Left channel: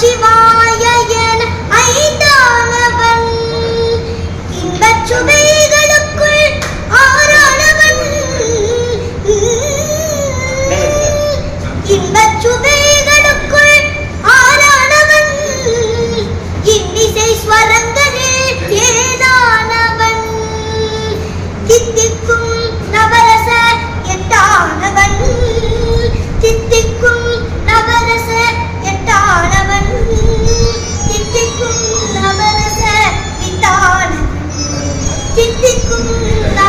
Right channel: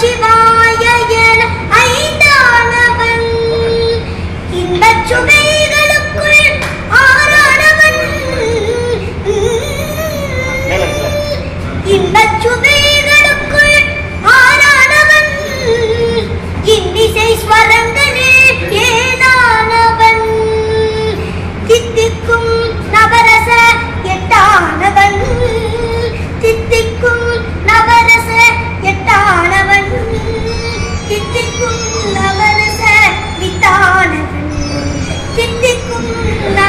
நமச்சிவாய என ஐந்தானவன். இன்பச் சுவைகளுக்குள் ஆறானவன் இன்பச் சுவை Obrigado.